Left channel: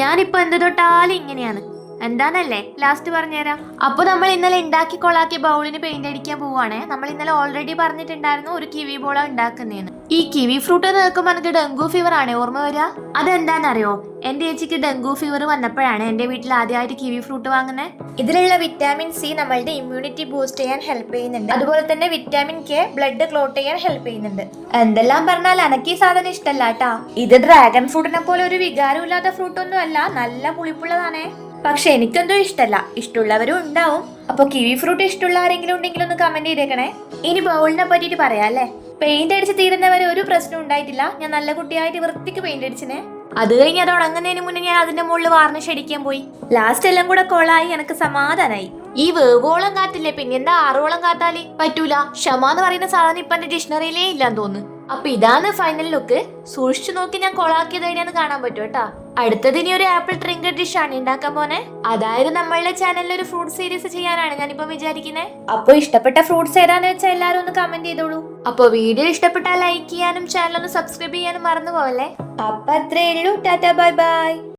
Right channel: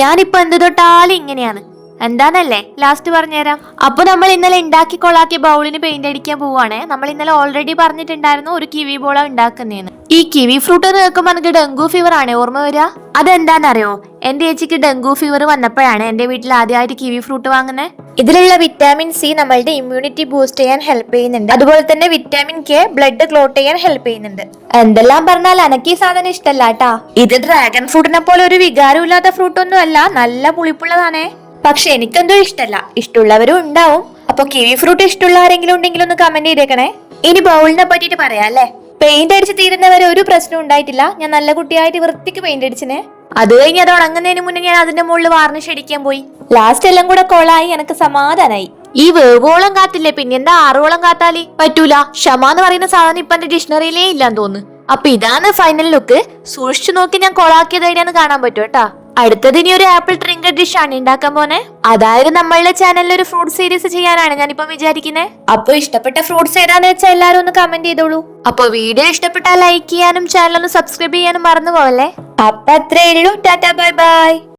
ഞാനിപ്പോ എന്ത് തൊട്ടാലും ഇങ്ങനെയാണ്. എന്താന്നല്ലേ ലാസ്റ്റ് പറഞ്ഞുതരാം. അപ്പൊ നമ്മൾ ഇന്നലെ ഉണ്ടാക്കി കൊളാക്കിയ ബൗളിന് പെയിന്റ് അടിക്കാൻ പോവാണ്. നമ്മൾ ഇന്നലെ ഓൾറെഡി പറഞ്ഞിട്ടുണ്ടായിരുന്നു ഒരു കിവി ബോളാ ഉണ്ടാക്കുന്നേന്ന്. ഈ കിവി ഫ്രൂട്ട് കേൾക്കുമ്പോൾ എനിക്ക് ഡെങ്കു ഫീവർ ആണ് ഓർമ്മ വരിക. അതെന്താന്നറിയോ, എന്റെ ചേച്ചിക്ക് ഡെങ്കു ഫീവർ വന്നപ്പോഴാണ് എന്റെ വീട്ടിൽ ആദ്യമായിട്ട് കിവി ഫ്രൂട്ട് വാങ്ങുന്നത്. ഇതിലുള്ള വിറ്റാമിൻ സി നമ്മളുടെ ഇമ്മ്യൂണിറ്റി ബൂസ്റ്റ് ചെയ്യാൻ ഹെൽപ്പ് ചെയ്യുന്നുണ്ട്. അതുപോലെ തന്നെ വിറ്റാമിൻ കെ ബ്ലഡ് ക്ലോട്ട് ചെയ്യാൻ ഹെൽപ്പ് ചെയ്യുന്നുണ്ട്. എന്തെല്ലാം പറഞ്ഞാൽ എനക്ക് ഈ സാധനം ഇഷ്ടല്ല കേട്ടാ. ഇത് ഡ്രാഗൺ ഫ്രൂട്ടിനെ പോലെ ഒരു വികാരം ഇല്ലാത്ത ഫ്രൂട്ട് ഒന്നും അല്ല, നല്ല പുളിപ്പുള്ളതാണേ. പക്ഷെ എനിക്കെന്തോ ഇഷ്ടല്ല. ഇഷ്ടമുള്ളവരും ഉണ്ടാവും. അപ്പൊ കിവി ഫ്രൂട്ട് ഇഷ്ടമുള്ള ആരെങ്കിലും ഉണ്ടെങ്കിൽ ഒന്ന് കമന്റ് ചെയ്തേക്കണേ. ഇനി ബൗളിനെ പറ്റിട്ട് പറയാം അല്ലേ. പെയിന്റ് അടിച്ച് തീരുന്നവരെ ഒരു പ്രശ്നം ഉണ്ടായിട്ടില്ല. ഞാൻ നല്ല കുട്ടിയായിട്ട് വൃത്തിക്ക് പെയിന്റ് അടിച്ചിനെ. അത് കഴിഞ്ഞ് അത് ഉണങ്ങുന്നതിന് മുന്നേ ഞാൻ അതിന്റെ മുകളിൽ വാർണിഷ് അടിക്കാൻ പോയി. ലാസ്റ്റ് എല്ലാം കൂടെ കൊളായി. എനിക്ക് സമാധാനായി. ഈ വേവോളം കാത്തില്ലേ, പിന്നെ എന്താ 6 കാത്താലി പറ്റൂല. ക്ഷമ എന്ന് പറയുന്ന സാധനം ഇപ്പൊ എന്റെ ഡിക്ഷണറിയിലേ ഇല്ലാന്ന് തോന്നുന്നു. അപ്പൊ ഇതാണ് ഫൈനൽ ലുക്ക്. സൂക്ഷിച്ചു നോക്കി ഞാൻ കൊളാക്കിയത് എവിടെയാന്ന് കാണാൻ പറ്റും കേട്ടാ. അടുത്തത് ഇനി ഒരു ആപ്പിൾ ട്രിങ്കർ ഡിഷ് ആണ് ഉണ്ടാക്കാൻ പോന്നെ. അതായത് നമ്മളുടെ ചാനലിൽ ഒരു ഫ്രൂട്ട് സീരീസ് ചെയ്യാനാണ് ഞാനിപ്പം വിചാരിക്കുന്നത്. അപ്പൊ ഇഷ്ടപ്പെട്ട ഫ്രൂട്ട്സ് ഏതാന്ന് വെച്ചാൽ എല്ലാരും ഒന്ന് കമന്റ് ചെയ്തോളൂ. അപ്പൊ വീഡിയോ ഇഷ്ടപ്പെട്ടാൽ ലൈക്ക് ചെയ്യാനും ചാനൽ ഒന്ന് സബ്സ്ക്രൈബ് ചെയ്യാനും മറന്നു പോവല്ലേ. അപ്പൊ അത്രേ ഉള്ളൂ. Tata bye bye.